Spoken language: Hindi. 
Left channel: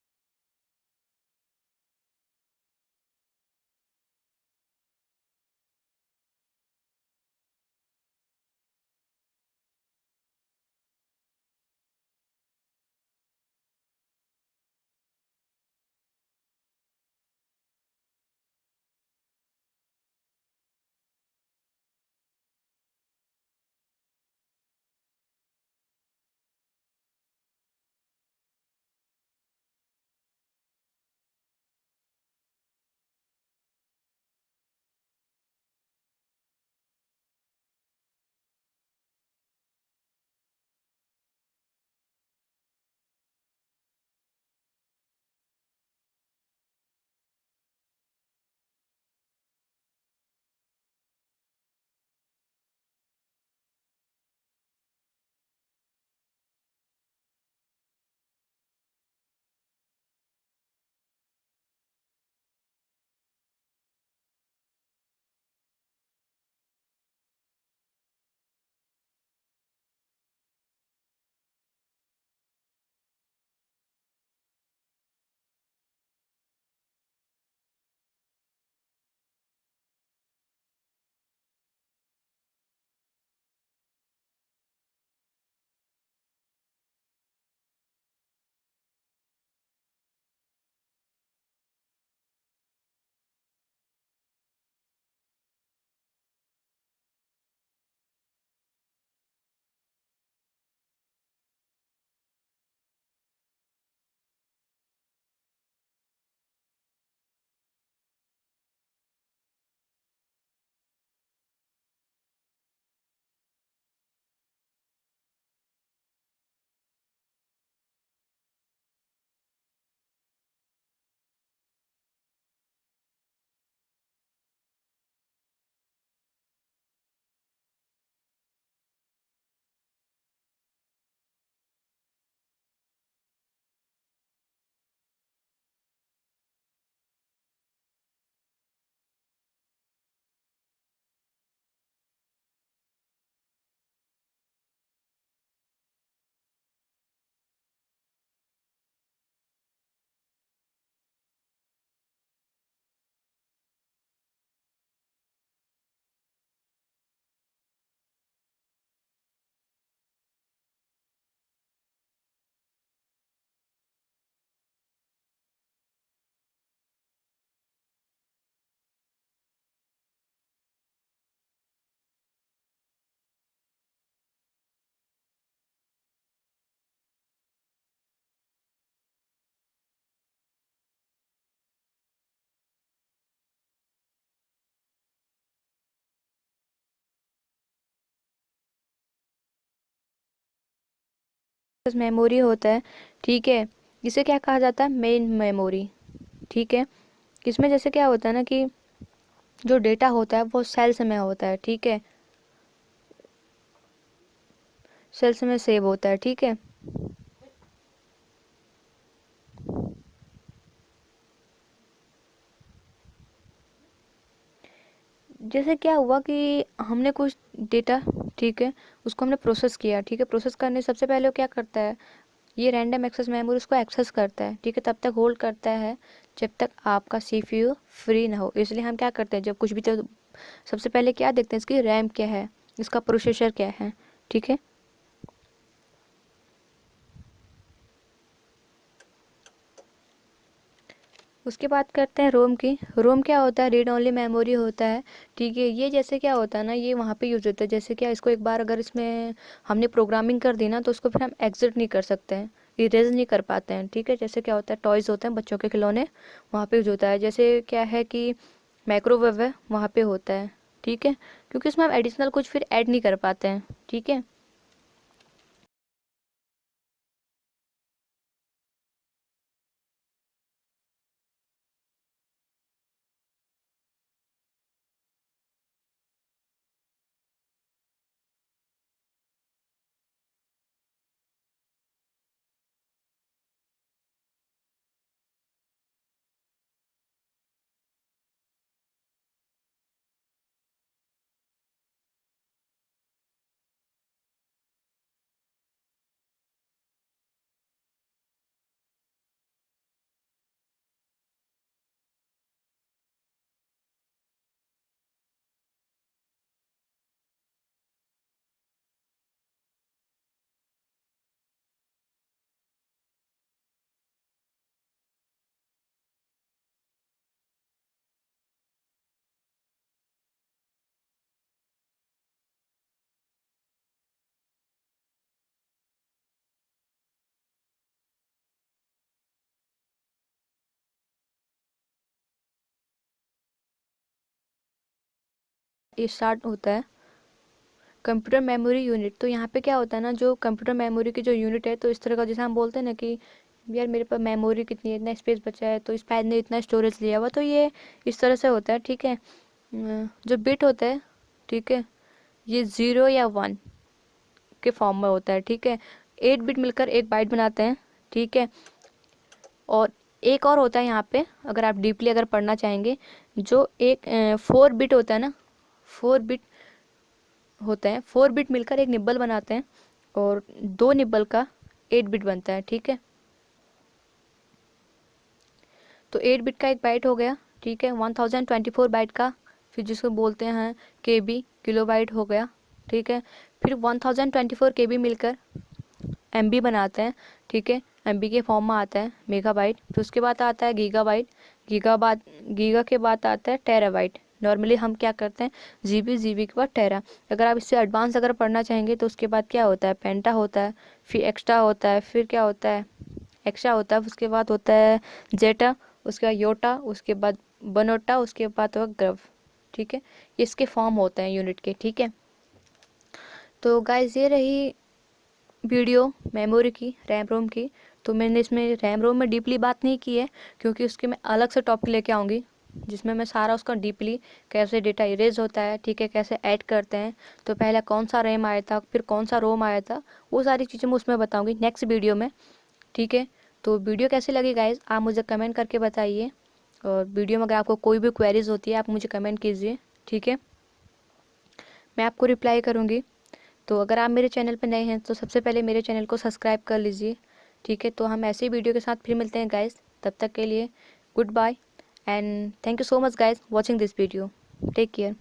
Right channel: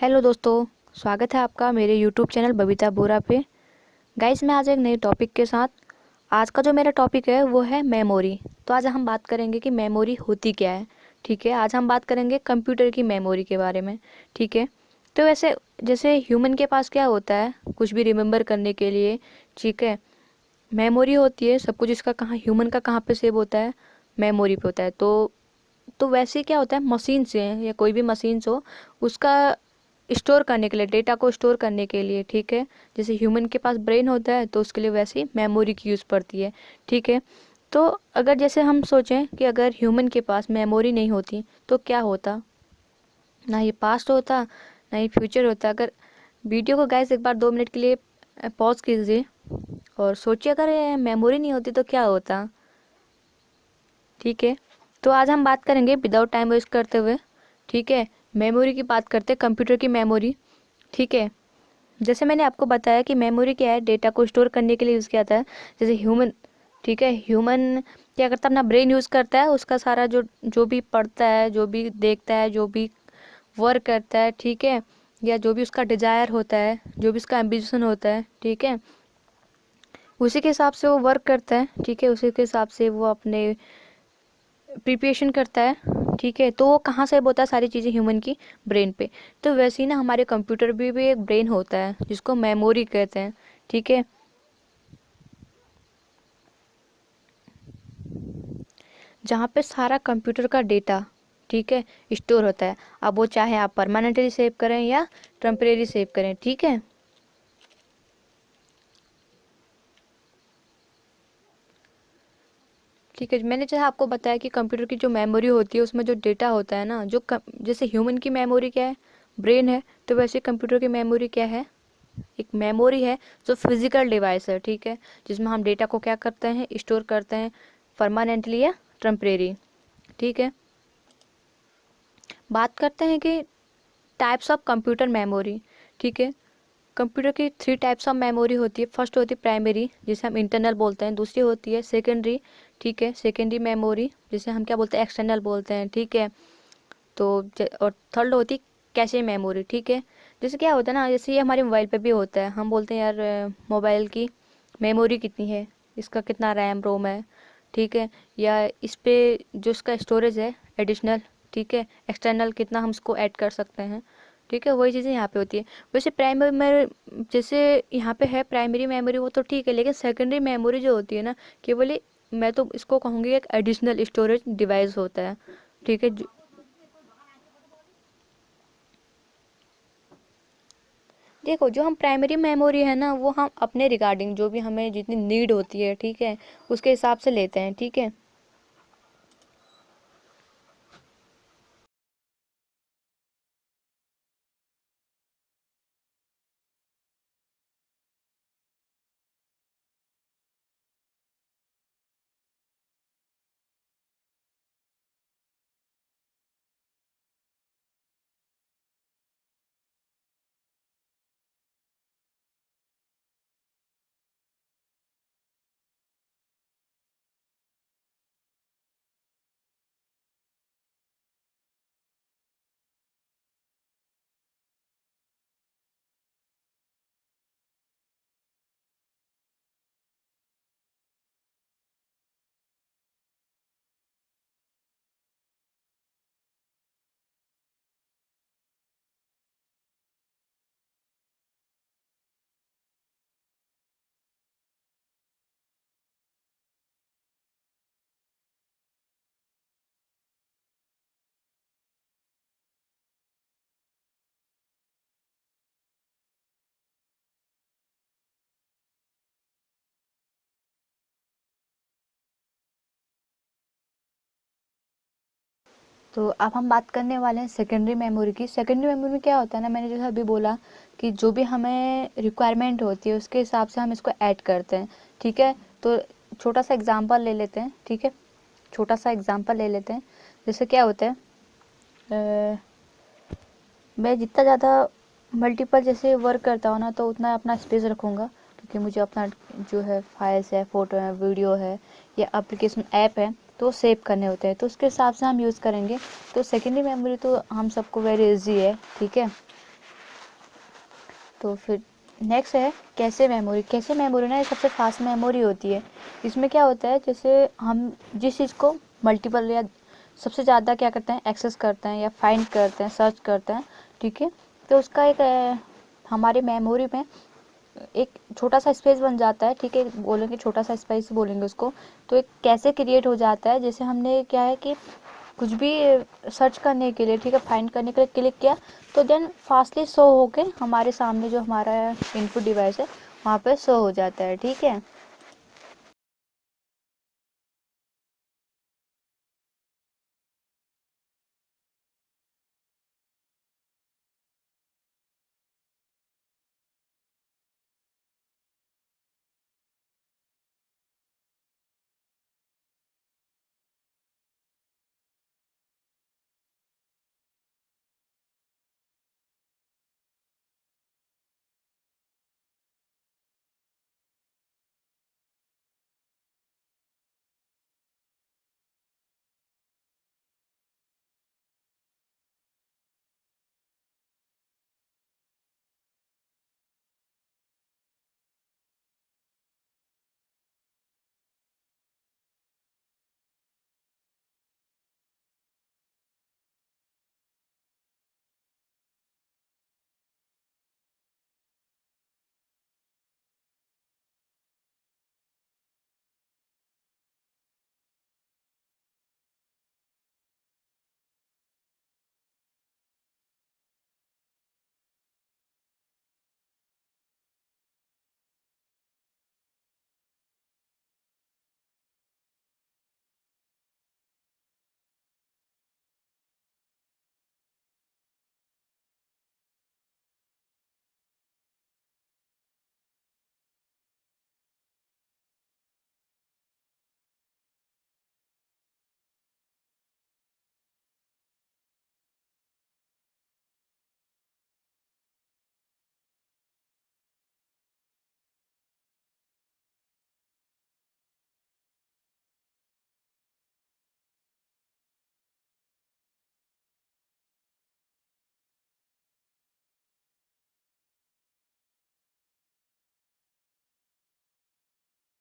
हेलो दोस्तों, स्वागत है आपका मेरे यूट्यूब चैनल बबीता बोरा पे। गाइस, मैं आज एक नए टॉपिक के साथ। आज का जो मेरा टॉपिक है वो है मेमोरी। तो आज हम बात करेंगे कि मेमोरी होती क्या है। ठीक है, आज हम बात करेंगे कंप्यूटर की मेमोरी के बारे में। ठीक है, तो वैसे जैसे ह्यूमन के पास क्या होता है कुछ भी रिमेम्बर करने के लिए। ठीक है, मेमोरी होती है। सब कुछ इसका कहाँ ह्यूमन का कहाँ पे सेव होता है, मेमोरी पे होता है। तो वैसे क्या होता है, मशीन से या कोई भी मशीन हो उसका स्टोर करने के लिए, डेटा को स्टोर करने के लिए। ठीक है, जैसे ह्यूमन के पास ब्रेन होता है तो उसके लिए वैसी मेमोरी की यूज़ पड़ती है। ठीक है, तो अगर जैसे हम सोचें कि अगर ह्यूमन के पास मेमोरी नहीं होती तो क्या होता। ना ये पास्ट होता, ना ये फ्यूचर होता। अगर वीडियो को गैस एक बार 2 मिनट के लिए पॉज कीजिए और सोचिए अगर मेमोरी नहीं होती तो क्या होता। ठीक है, तो आज हम बात करेंगे विदाउट टाइम वेस्ट करते हुए। ठीक है, मेमोरी की बात करते हैं, कंप्यूटर की मेमोरी। ठीक है, जैसे मैंने आपको बताया कि मेमोरी क्या है, डेटा को स्टोर करने के लिए यूज़ किया जाता है। जैसे ह्यूमन, ठीक है, ह्यूमन क्या करता है, अपना ब्रेन यूज़ करता है। उसका सारा जो जो भी पढ़ता है, जो भी देखता है, जो भी वर्क करता है, ठीक है, या जो भी उसका डिजायर होता है, जो भी उसका एम्बिशन होता है, ठीक है, उसी के हिसाब से वो वर्क करता है। ठीक है, उसी के हिसाब से वो अपने प्रिपरेशन करता है। ठीक है, तो वो कहाँ से होता है, सारी चीज़ें ह्यूमन की ब्रेन पे। तो वैसे ही ना हमारे कंप्यूटर भी एक ब्रेन होता है जिसको मेमोरी कहते हैं। ठीक है, जहाँ पे सारा कंप्यूटर का डेटा, ठीक है, स्टोर होता है। अब वो चाहे आप परमानेंटली सेव करें या टेम्परेरी सेव करें। ठीक है, ठीक है, मैंने जैसे आपको बताया कि कंप्यूटर की जो मेमोरी होती है उसमें जो डेटा होता है ना, जैसे ह्यूमन की मेमोरी क्या है, ब्रेन है। तो वैसे कंप्यूटर की मेमोरी क्या है, एक मेमोरी है जो फिजिकल डिवाइस है। ठीक है, जिसमें हम डेटा को क्या करते हैं, स्टोर करते हैं, परमानेंटली या टेम्परेरी। ठीक है, बात करते हैं कि टाइप्स ऑफ कंप्यूटर मेमोरी। ठीक है, कंप्यूटर की 3 टाइप्स ऑफ मेमोरी होती है। फर्स्ट होती है प्राइमरी, जिसे हम इंटरनल बोलते हैं। दूसरी होती है सेकेंडरी, ठीक है, सेकेंडरी मेमोरी, जिसे हम क्या बोलते हैं, एक्सटर्नल बोलते हैं। ठीक है, तो और थर्ड होती है कैशे मेमोरी। ठीक है, जैसे क्या होता है ना, जैसे ये हमारे मोबाइल पे भी होता है। हम बोलते हैं यार मोबाइल की मेमोरी कितनी है, इसका कितना रैम रोम है। ठीक है, या इस पे जो इसका स्टोरेज है एडिशनल, ठीक है, एक्सटर्नल कितना हम इसको ऐड कर सकते हैं। ठीक है, वही चीज़ें यहाँ पे होती है। वैसे प्राइमरी में जैसे यहाँ पे है प्राइमरी मेमोरी, वो तो ठीक है, लेकिन सेकेंडरी मेमोरी जो होती है ना, केवल मैं तो इसको कहूँगी एक एडिशनल स्टोरेज डिवाइस होता है। ठीक है, देखो जो हम प्राइमरी मेमोरी है ना, वो हम अपने रिगार्डिंग जो भी हमें जितनी नीड होती है, ठीक है, उसके हिसाब से लेते हैं। ठीक है, मेमोरी होता है, ठीक है, इसे क्या कहा जाता है, मेन मेमोरी। ठीक है, इसमें जैसे क्या होता है ना कि जो डेटा होता है वो सेल्स में होता है। ठीक है, सेल्स में सेव होता है। ठीक है, जैसे क्या हुआ कि हमने कुछ डेटा, ठीक है, उसको हमने प्रोसेस किया। ठीक है, प्रोसेस करने सबसे पहले वो क्या करता है, ये रैंडम एक्सेस मेमोरी उसको एक्सेस करता है। ठीक है, तब तक होल्ड करता है जब तक आपका सीपीयू फ्री ना हो। इसलिए हम क्या करते हैं, जब कुछ भी, तो सबसे पहले क्या देखते हैं, इसकी रैम क्या है, इसका प्रोसेसर क्या है। ठीक है, उसके बाद करते हैं रोम की। रोम क्या होता है, रीड ओनली मेमोरी होता है। ठीक है, ये जैसे क्या होता है ना, ये वहाँ पे यूज होता है। जैसे क्या, इसको एक बार अगर इसमें हमने प्रोग्रामिंग कर दी ना, तो उसको फिर हम एग्जिट नहीं कर सकते हैं, इरेज नहीं कर पाते हैं। ठीक है, जैसे क्या होता है, टॉयज़ होते हैं बच्चों के खिलौने, वहाँ पे यूज होता है। जैसे क्या है कि माइक्रोवेव है, वहाँ पे होता है। ठीक है, क्योंकि उसमें हम एडिशनल कुछ फिर ऐड नहीं कर पाते हैं। ठीक है, तो अब हम बात करने वाले हैं सेकेंडरी मेमोरी की। सेकेंडरी मेमोरी में क्या होता है ना, मैंने जैसे अभी बोला कि जो भी हमें रिक्वायरमेंट होती है उसके हिसाब से हम इसको ऐड करते हैं। ठीक है, तो छोटा सा एग्जांपल ले लेते हैं। ठीक है, छोटा सा एग्जांपल ले लेते हैं। जैसे क्या होता है, मैं जितना ज़्यादा मल्टीपल जैसे वर्क करता हूँ ना, तो उतना अपना स्पेस रखूँगा, क्योंकि मुझे अपना जो है फाइल्स है, फ़ोटो है, वीडियो है, या एप्लीकेशन ऐप है, तो सेव करने होते हैं। तो उसके हिसाब से हम यूज़ करेंगे। तो सेकेंडरी मेमोरी तो हम सबको वेरी इजी है। ठीक है, तो फिर नेक्स्ट है कैशे मेमोरी। कैशे मेमोरी ना ये सबसे फास्ट मेमोरी होती है। इसमें क्या होता है, जैसे हम जिस चीज़ को मल्टीपल या सबसे ज़्यादा क्या करते हैं, एक्सेस करते हैं या फाइंड करते हैं, सर्च करते हैं, ठीक है, तो उसका एक हमारी मेमोरी में एक छोटा सा स्पेस बन जाता है, ठीक है, बोलेंगे छोटा सा स्पेस बोलेंगे उसको। तो एक कैसे क्रिएट हो जाता है, जैसे हमने क्या है कि कुछ भी सर्च करने के लिए, ठीक है, फाइंड करने के लिए क्लिक किया, तो देन फास्टली शो होके हमारे सामने जो हमारा इनपुट डिवाइस है वहाँ पे शो हो जाता है, ठीक है। ये स्टार्ट होता है कंप्यूटर मेमोरी यूनिट। तो यहाँ पे क्या होता है ना, जो कंप्यूटर मेमोरी की जो यूनिट है, तो इस तरह का जैसे हम बोलते हैं ना कि यार मेरे पास मेमोरी कितनी है, इतना स्पेस बचा है, तो इस पैड ने इतना स्टोरेज लिया हुआ, तो ये इस तरह से होता है, ठीक है। जो बिट होता है, ठीक है, ये 0 या 1 के फॉर्म में होता है, ठीक है। 8 बिट मिलकर एक बाइट बनाते हैं, ठीक है। और एक और होता है यहाँ पे, अगर आप डीपली अगर पढ़ना चाहेंगे, जो एक 4 बिट होता है ना, 4 बिट होता है, 4 बिट मिलकर एक निब्बल बनाते हैं, और 2 निब्बल का 8 बिट बनता है, ठीक है। तो 8 बिट का एक बाइट हो गया, ठीक है। 1024 बाइट का, फिर जिसको बोलते हैं केबी, किलो बाइट हो गया, ठीक है। फिर 1024 केबी मिलकर एमबी बनाते हैं, ठीक है। एमबी के फॉर्म में आता है मेगाबाइट। फिर उसके बाद आता है गीगाबाइट, गीगा के बाद आता है टेराबाइट। नॉर्मली हम क्या करते हैं, जीबी, जीबी के बाद टेरा। अगर आप इससे एडवांस अगर पढ़ना चाहेंगे तो उसके बाद क्या होता है, पेंटा होता है, फिर एक्स्ट्रा होता है, फिर क्या होता है, एक्स्ट्रा होता है, उसके बाद होता है जेटा, उसके बाद योटा, उसके बाद बनोटा, उसके बाद होगा ग्रव, ठीक है। ये इसके फॉर्म होते हैं यूनिट के, ठीक है। तो गाइस ये रही वीडियो मेमोरी की, रैम रोम की। तो मैंने इसमें रैम रोम में डीपली बात नहीं की है, क्योंकि उसके मैं अलग से टॉपिक लेके आऊँगी जिसमें मैं सारा उसका डीपली कैसे डेटा इरेज होता है, ठीक है, कैसे ऐड करते हैं, तो पहले कौन सा रैम आया था, फिर कौन सा रोम आया था, वो सारी चीज़ें मैं उसमें बताऊँगी नेक्स्ट वीडियो में, ठीक है। तो वीडियो कैसी लगी गाइज, आप मुझे कमेंट करके बताइए, और वीडियो में अगर आपको कोई भी क्वेरीज होती है आप मुझे कमेंट कीजिए, ठीक है, मैं आपको रिप्लाई करूँगी। तो अगर आप मेरे चैनल पर नए हैं तो सबसे पहले मेरे चैनल को सब्सक्राइब कर लीजिए, ठीक है। तो हम ऐसे ही वीडियो के साथ फिर मिलते हैं गाइस, तब तक के लिए goodbye and thank you so much guys watching this video, take care.